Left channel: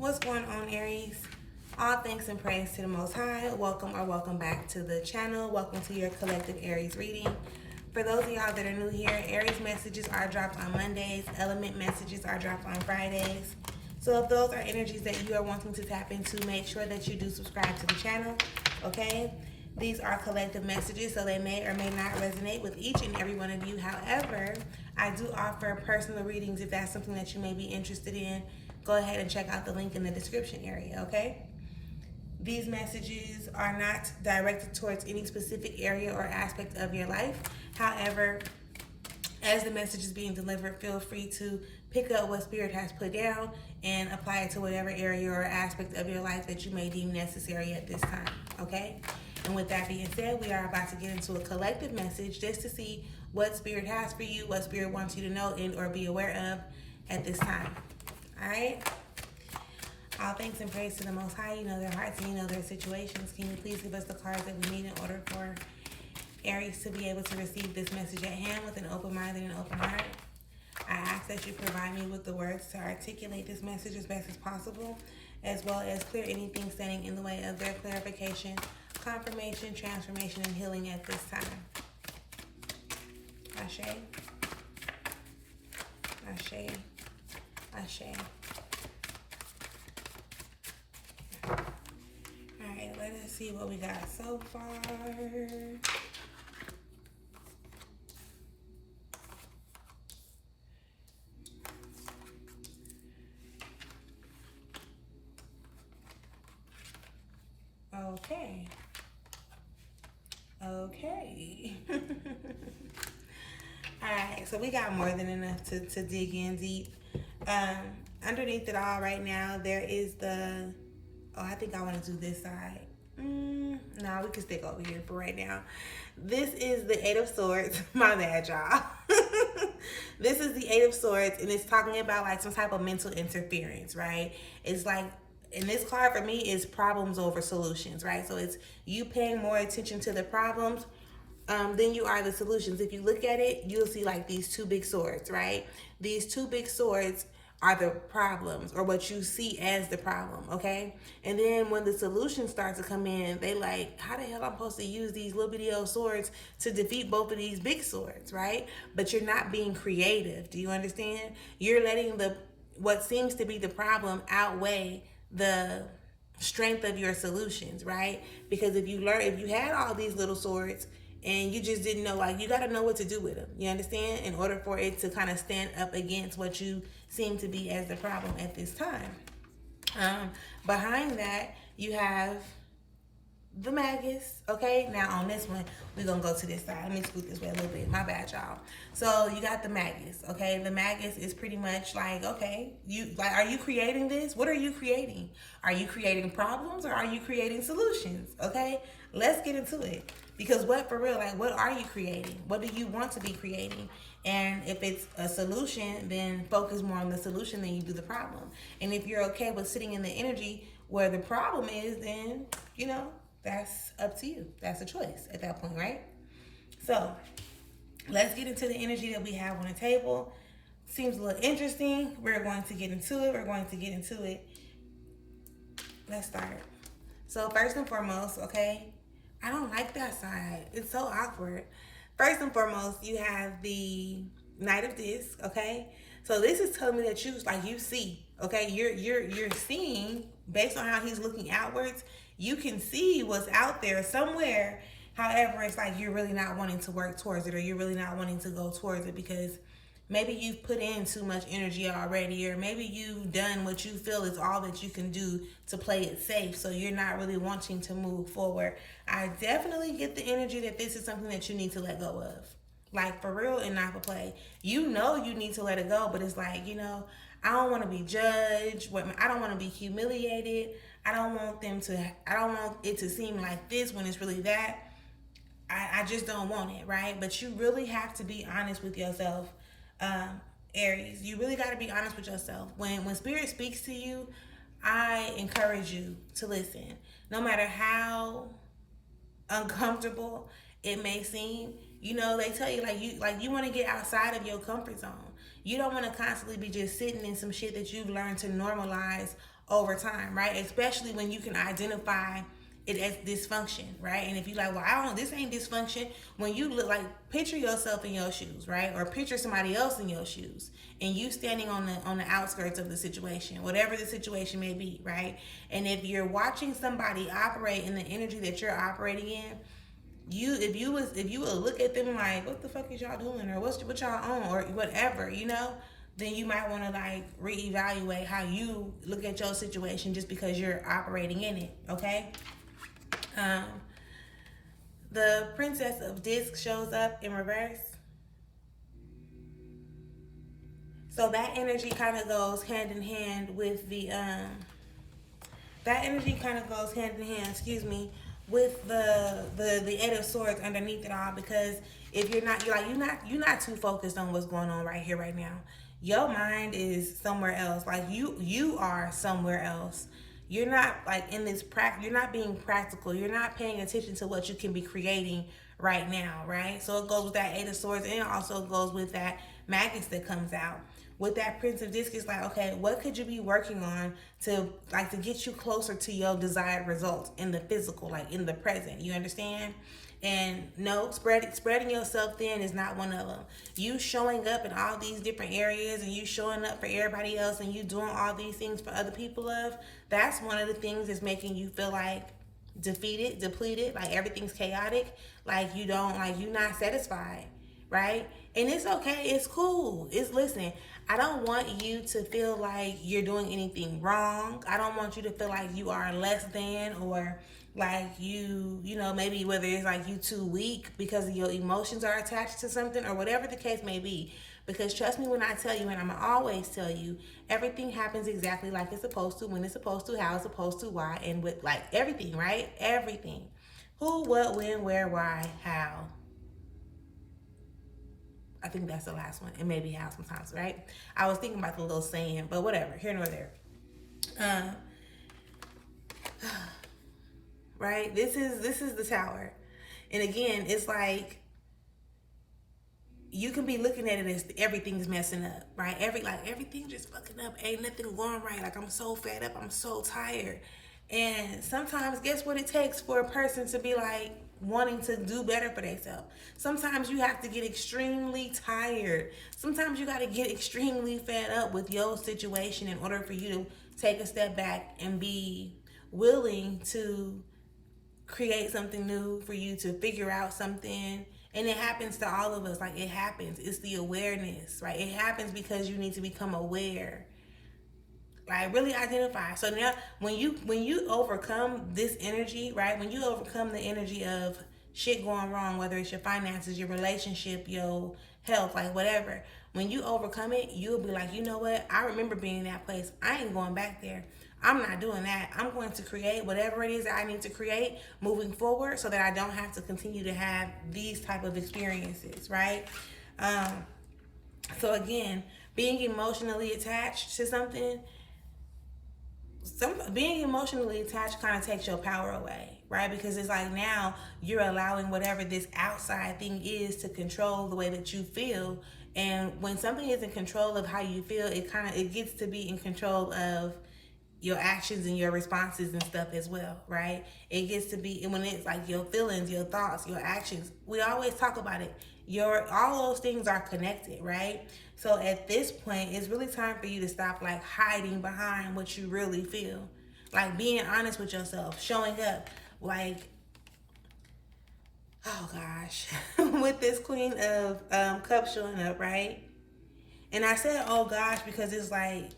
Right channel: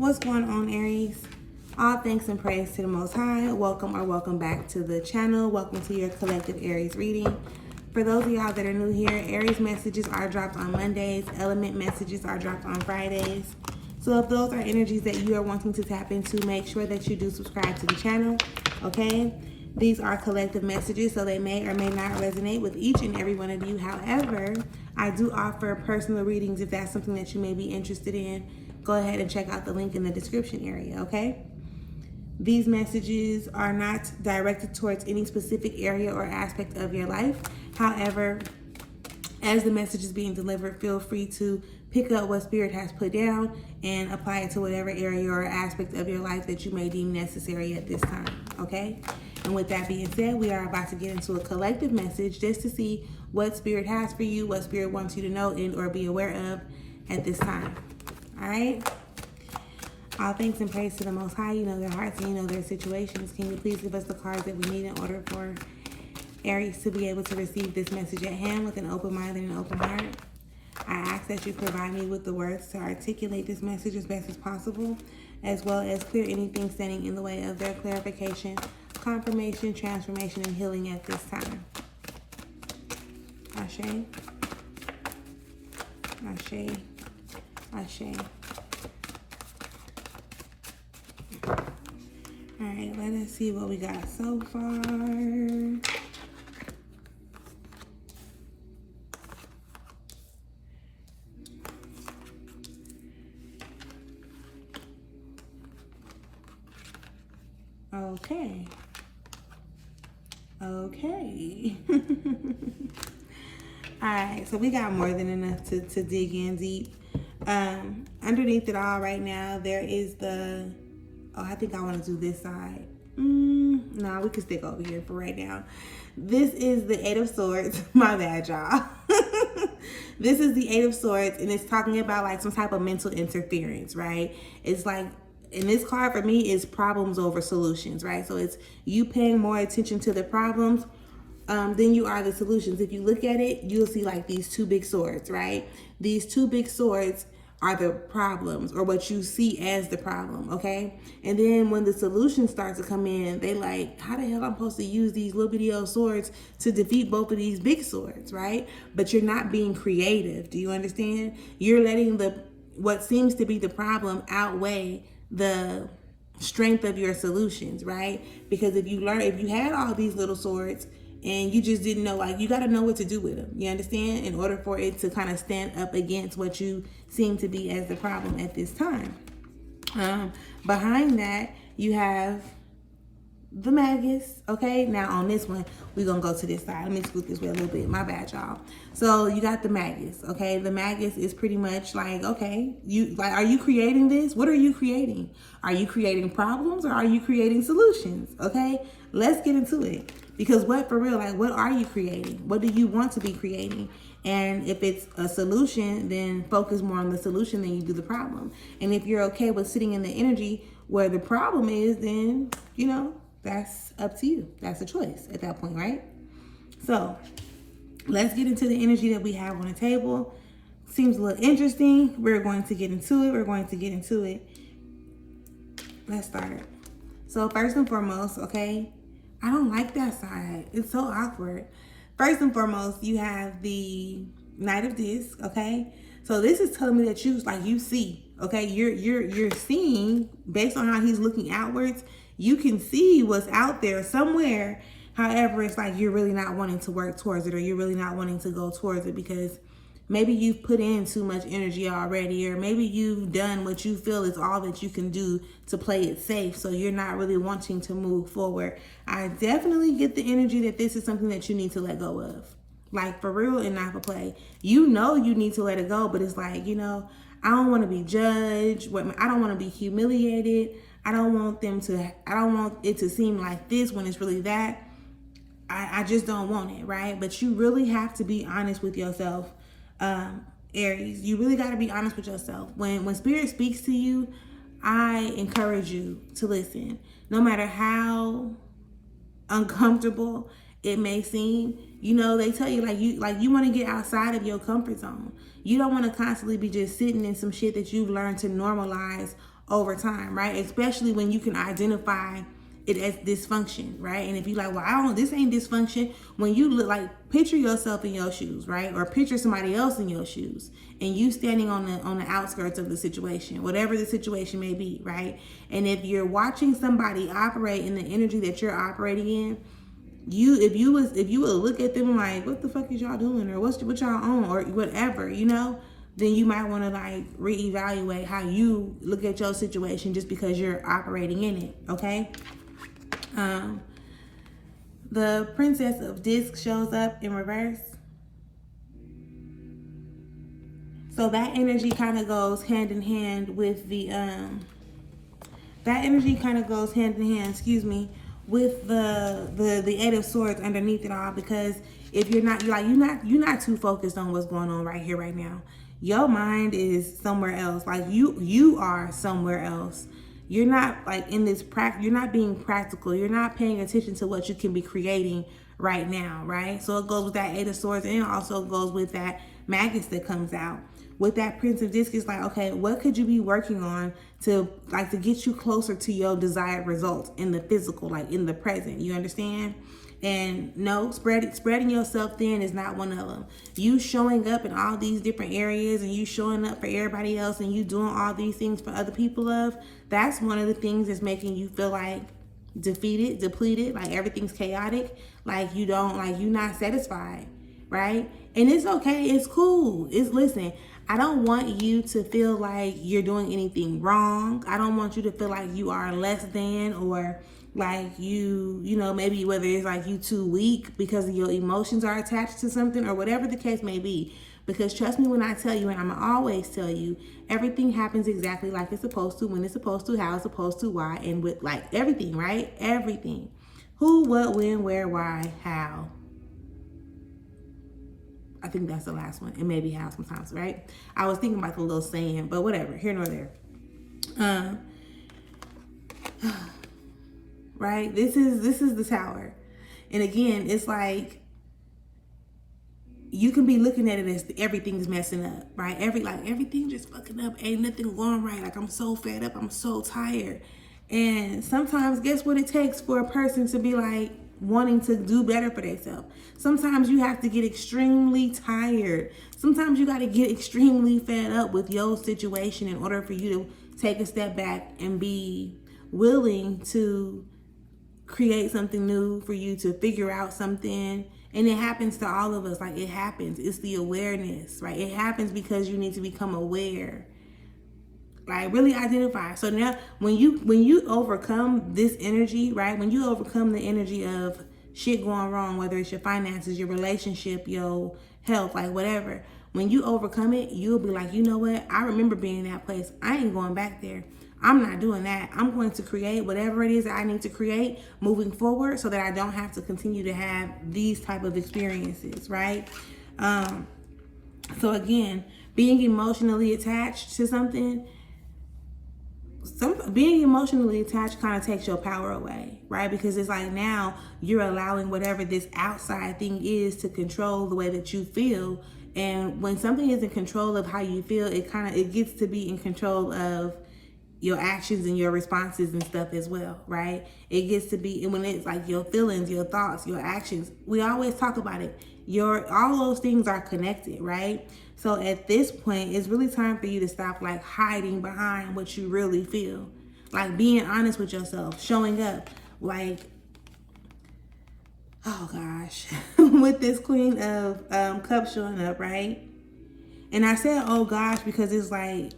What's going on, Aries? All thanks and praise to the Most High. Welcome or welcome back to the channel. Welcome to your collective Aries reading. For those of y'all that are new here, Aries messages are dropped on Mondays. Element messages are dropped on Fridays. So if those are energies that you are wanting to tap into, make sure that you do subscribe to the channel, okay? These are collective messages, so they may or may not resonate with each and every one of you. However, I do offer personal readings if that's something that you may be interested in. Go ahead and check out the link in the description area, okay? These messages are not directed towards any specific area or aspect of your life. However, as the message is being delivered, feel free to pick up what Spirit has put down and apply it to whatever area or aspect of your life that you may deem necessary at this time, okay? And with that being said, we are about to get into a collective message just to see what Spirit has for you, what Spirit wants you to know and or be aware of at this time. All right? All thanks and praise to the Most High. You know their hearts and you know their situations. Can you please give us the cards that we need in order for Aries to be able to receive this message at hand with an open mind and an open heart? I ask that you provide me with the words to articulate this message as best as possible, as well as clear anything standing in the way of their clarification, confirmation, transformation, and healing at this time. Ashe. Ashe. Ashe. All right, let us see what we got so far. Okay. Okay. All right, so we got more than enough to dig in deep. Underneath it all right now, there is the, I think I want to do this side. No, we can stick over here for right now. This is the Eight of Swords. My bad, y'all. This is the Eight of Swords, and it's talking about like some type of mental interference, right? It's like, and this card for me is problems over solutions, right? So it's you paying more attention to the problems than you are the solutions. If you look at it, you'll see like these two big swords, right? These two big swords are the problems, or what you see as the problem, okay? And then when the solutions start to come in, they like, how the hell I'm supposed to use these little bitty old swords to defeat both of these big swords, right? But you're not being creative. Do you understand? You're letting what seems to be the problem outweigh the strength of your solutions, right? Because if you had all these little swords and you just didn't know, like, you got to know what to do with them, you understand, in order for it to kind of stand up against what you seem to be as the problem at this time. Behind that, you have the Magus, okay? Now on this one, we're gonna go to this side. Let me scoot this way a little bit. My bad, y'all. So you got the Magus, okay? The Magus is pretty much like, okay, are you creating this? What are you creating? Are you creating problems or are you creating solutions? Okay, let's get into it. Because what are you creating? What do you want to be creating? And if it's a solution, then focus more on the solution than you do the problem. And if you're okay with sitting in the energy where the problem is, then, you know, that's up to you. That's a choice at that point, right? So let's get into the energy that we have on the table. Seems a little interesting. We're going to get into it. Let's start. So first and foremost, okay, I don't like that side. It's so awkward. First and foremost, you have the Knight of Discs, okay? So this is telling me that you see, okay? You're seeing, based on how he's looking outwards, you can see what's out there somewhere. However, it's like you're really not wanting to work towards it, or you're really not wanting to go towards it because maybe you've put in too much energy already, or maybe you've done what you feel is all that you can do to play it safe, so you're not really wanting to move forward. I definitely get the energy that this is something that you need to let go of. Like, for real and not for play. You know you need to let it go, but it's like, you know, I don't want to be judged. I don't want to be humiliated. I don't want it to seem like this when it's really that. I just don't want it, right? But you really have to be honest with yourself, Aries. You really got to be honest with yourself. When Spirit speaks to you, I encourage you to listen. No matter how uncomfortable it may seem, you know, they tell you you want to get outside of your comfort zone. You don't want to constantly be just sitting in some shit that you've learned to normalize over time, right? Especially when you can identify it as dysfunction, right? And if you like, well, this ain't dysfunction. When you look, like, picture yourself in your shoes, right? Or picture somebody else in your shoes, and you standing on the outskirts of the situation, whatever the situation may be, right? And if you're watching somebody operate in the energy that you're operating in, if you would look at them like, what the fuck is y'all doing, or what y'all on, or whatever, then you might want to like reevaluate how you look at your situation just because you're operating in it. Okay. The Princess of Discs shows up in reverse. So that energy kind of goes hand in hand with the with the Eight of Swords underneath it all, because if you're not too focused on what's going on right here, right now. Your mind is somewhere else. Like you are somewhere else. You're not like in this you're not being practical. You're not paying attention to what you can be creating right now, right? So it goes with that Eight of Swords, and it also goes with that Magus that comes out. With that Prince of Discs, it's like, okay, what could you be working on to get you closer to your desired results in the physical, like in the present? You understand? And no, spreading yourself thin is not one of them. You showing up in all these different areas, and you showing up for everybody else, and you doing all these things for other people that's one of the things that's making you feel like defeated, depleted, like everything's chaotic, like you're not satisfied, right? And it's okay, it's cool. Listen, I don't want you to feel like you're doing anything wrong. I don't want you to feel like you are less than, or like maybe whether it's like you too weak because your emotions are attached to something, or whatever the case may be. Because trust me when I tell you, and I'm always tell you, everything happens exactly like it's supposed to, when it's supposed to, how it's supposed to, why, and with like everything, right? Everything. Who, what, when, where, why, how. I think that's the last one, and maybe how sometimes, right? I was thinking about the little saying, but whatever, here nor there. Right? This is the Tower. And again, it's like you can be looking at it as everything's messing up, right? Everything just fucking up. Ain't nothing going right. Like, I'm so fed up. I'm so tired. And sometimes, guess what it takes for a person to be like wanting to do better for themselves? Sometimes you have to get extremely tired. Sometimes you got to get extremely fed up with your situation in order for you to take a step back and be willing to create something new, for you to figure out something. And it happens to all of us. Like, it happens. It's the awareness, right? It happens because you need to become aware. Like, really identify. So now when you overcome this energy, right? When you overcome the energy of shit going wrong, whether it's your finances, your relationship, your health, like whatever, when you overcome it, you'll be like, you know what? I remember being in that place. I ain't going back there. I'm not doing that. I'm going to create whatever it is that I need to create moving forward, so that I don't have to continue to have these type of experiences, right? So again, being emotionally attached to something, being emotionally attached kind of takes your power away, right? Because it's like now you're allowing whatever this outside thing is to control the way that you feel. And when something is in control of how you feel, it gets to be in control of your actions and your responses and stuff as well, right? It gets to be, when it's like your feelings, your thoughts, your actions. We always talk about it. All those things are connected, right? So at this point, it's really time for you to stop like hiding behind what you really feel. Like being honest with yourself, showing up. Like, oh gosh, with this Queen of Cups showing up, right? And I said, oh gosh, because it's like,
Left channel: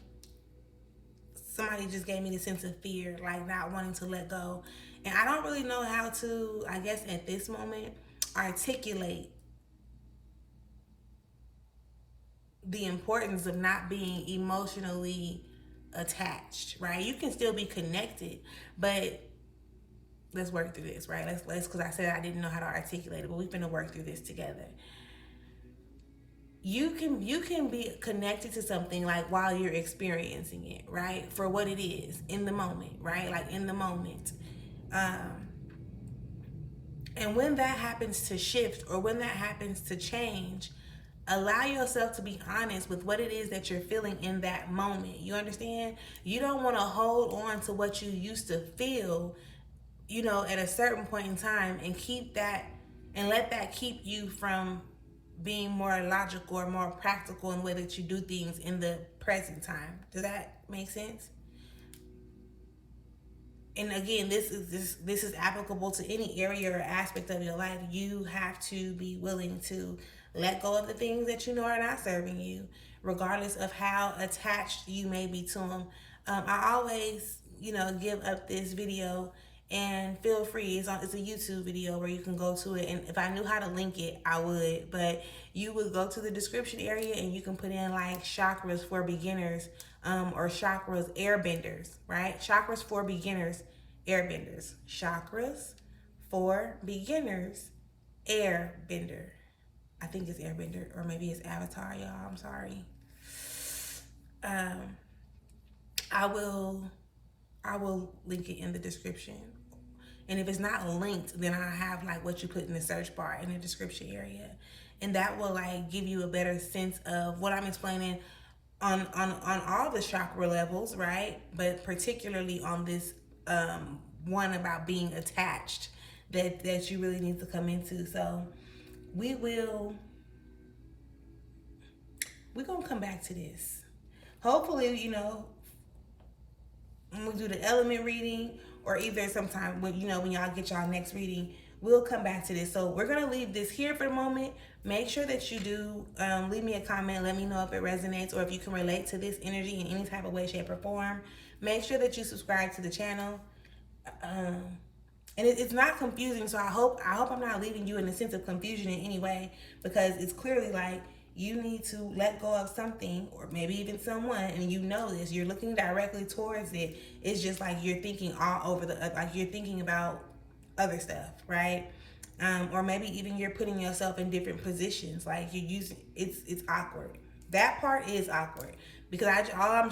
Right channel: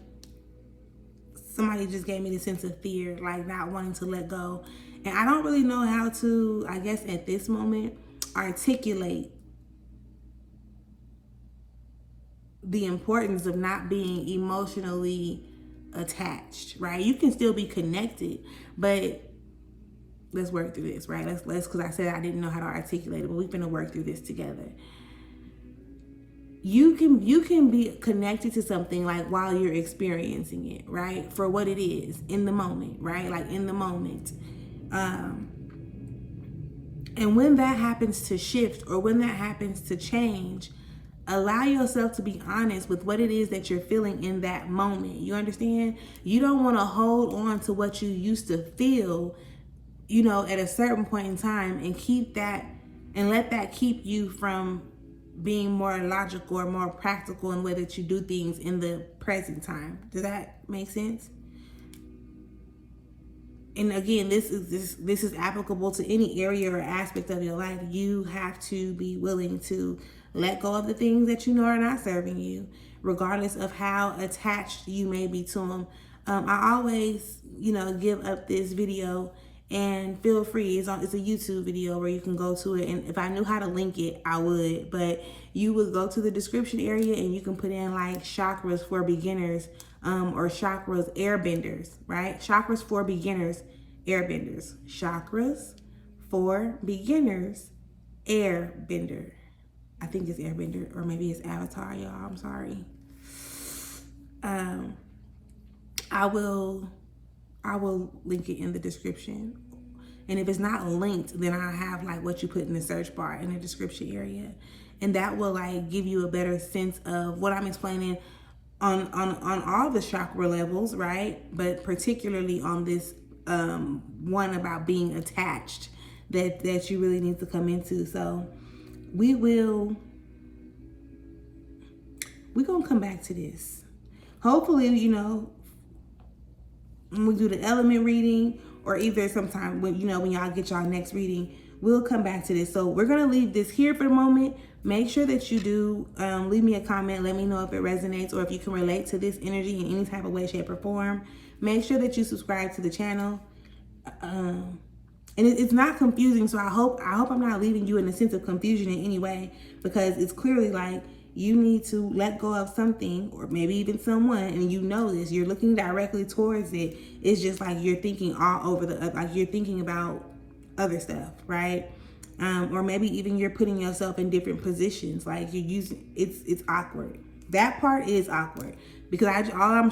somebody just gave me the sense of fear, like not wanting to let go. And I don't really know how to, I guess at this moment, articulate the importance of not being emotionally attached, right? You can still be connected, but let's work through this, right? Let's because I said I didn't know how to articulate it, but we're gonna work through this together. You can be connected to something like while you're experiencing it, right? For what it is in the moment, right? Like in the moment. And when that happens to shift, or when that happens to change, allow yourself to be honest with what it is that you're feeling in that moment. You understand? You don't want to hold on to what you used to feel, you know, at a certain point in time, and keep that and let that keep you from being more logical or more practical in the way that you do things in the present time. Does that make sense? And again, this is applicable to any area or aspect of your life. You have to be willing to let go of the things that you know are not serving you, regardless of how attached you may be to them. I always, you know, give up this video, and feel free. It's a YouTube video where you can go to it. And if I knew how to link it, I would. But you would go to the description area and you can put in like chakras for beginners, or chakras airbenders, right? Chakras for beginners, airbenders. Chakras for beginners, airbender. I think it's airbender, or maybe it's avatar, y'all. I'm sorry. I will link it in the description. And if it's not linked, then I'll have like what you put in the search bar in the description area. And that will like give you a better sense of what I'm explaining on all the chakra levels, right? But particularly on this one about being attached that you really need to come into. So we're gonna come back to this. Hopefully, you know, when we do the element reading, or either sometime when, you know, when y'all get y'all next reading, we'll come back to this. So we're gonna leave this here for the moment. Make sure that you do leave me a comment. Let me know if it resonates or if you can relate to this energy in any type of way, shape, or form. Make sure that you subscribe to the channel. And it's not confusing, so I hope I'm not leaving you in a sense of confusion in any way, because it's clearly like you need to let go of something, or maybe even someone, and you know this. You're looking directly towards it. It's just like you're thinking all over like you're thinking about other stuff, right? Or maybe even you're putting yourself in different positions. Like you're using it's awkward. That part is awkward, because all I'm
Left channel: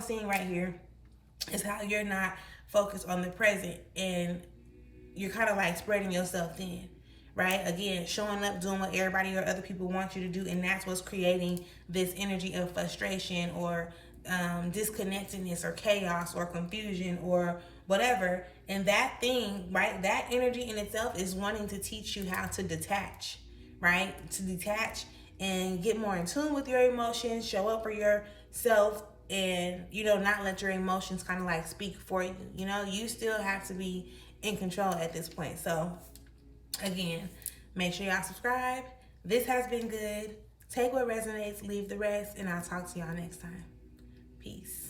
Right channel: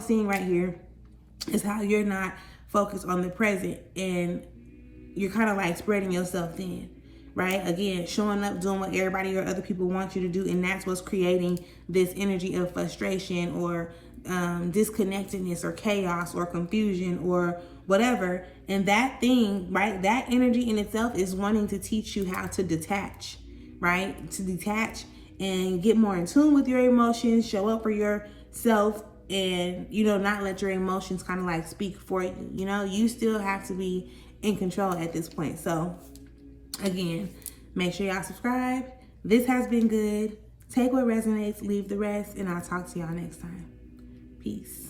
seeing right here is how you're not focused on the present, and you're kind of like spreading yourself thin, right? Again, showing up, doing what everybody or other people want you to do, and that's what's creating this energy of frustration or disconnectedness or chaos or confusion or whatever. And that thing, right, that energy in itself is wanting to teach you how to detach, right? To detach and get more in tune with your emotions, show up for yourself, and, you know, not let your emotions kind of like speak for you. You know, you still have to be in control at this point. So again, make sure y'all subscribe. This has been good. Take what resonates, leave the rest, and I'll talk to y'all next time. Peace.